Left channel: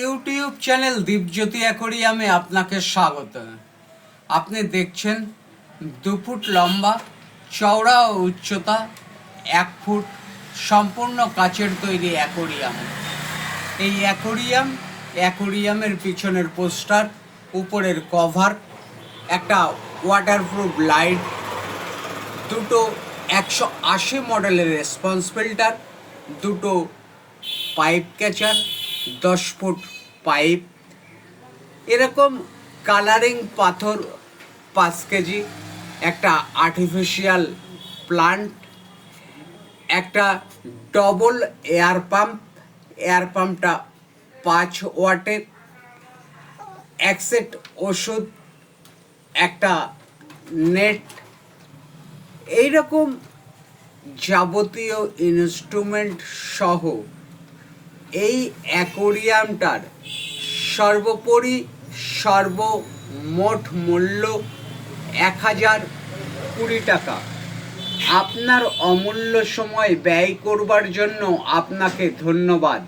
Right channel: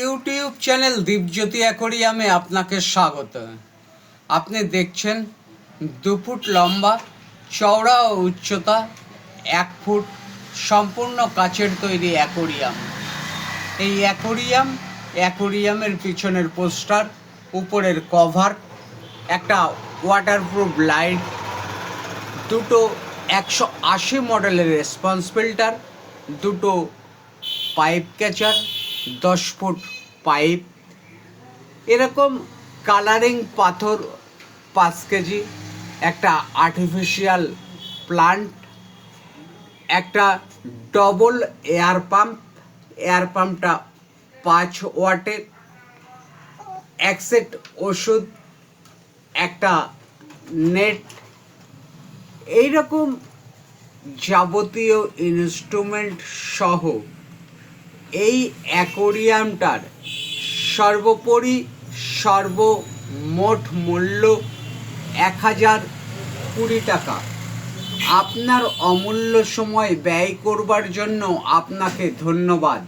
YouTube channel Dipjyoti অ্যাকোরিয়ামে আপনাকে স্বাগত। আপনি দেখছেন 2 ফুট লম্বা, চওড়া ও উচ্চতা 1 ফুট, সম্পূর্ণ কাচের তৈরি অ্যাকোরিয়াম। এই অ্যাকোরিয়ামের পিছনের পোস্টার, উপরের কভার, একটা ওয়াটারপ্রুফ লাইট, দুটো 180 মডেলের রেসপন্স ফিল্টার, দুটো পাইপ ক্যাচার, 10 ফুট পাইপ, এরকম কালারিং পাথর 5 কেজি, একটা আর্টিফিশিয়াল প্লান্ট, একটা ডবল এয়ার পাম্পটা 5 ওয়াটের, এক সেট ওষুধ, একটা নেট, এইরকম যাবতীয় ইনস্ট্রুমেন্ট সহ এই অ্যাকোরিয়ামটার সর্বোপরি সর্বমোট মূল্য 1020 টাকা। আপনার অমূল্য সময় ব্যয় করবার জন্য আপনাকে ধন্যবাদ।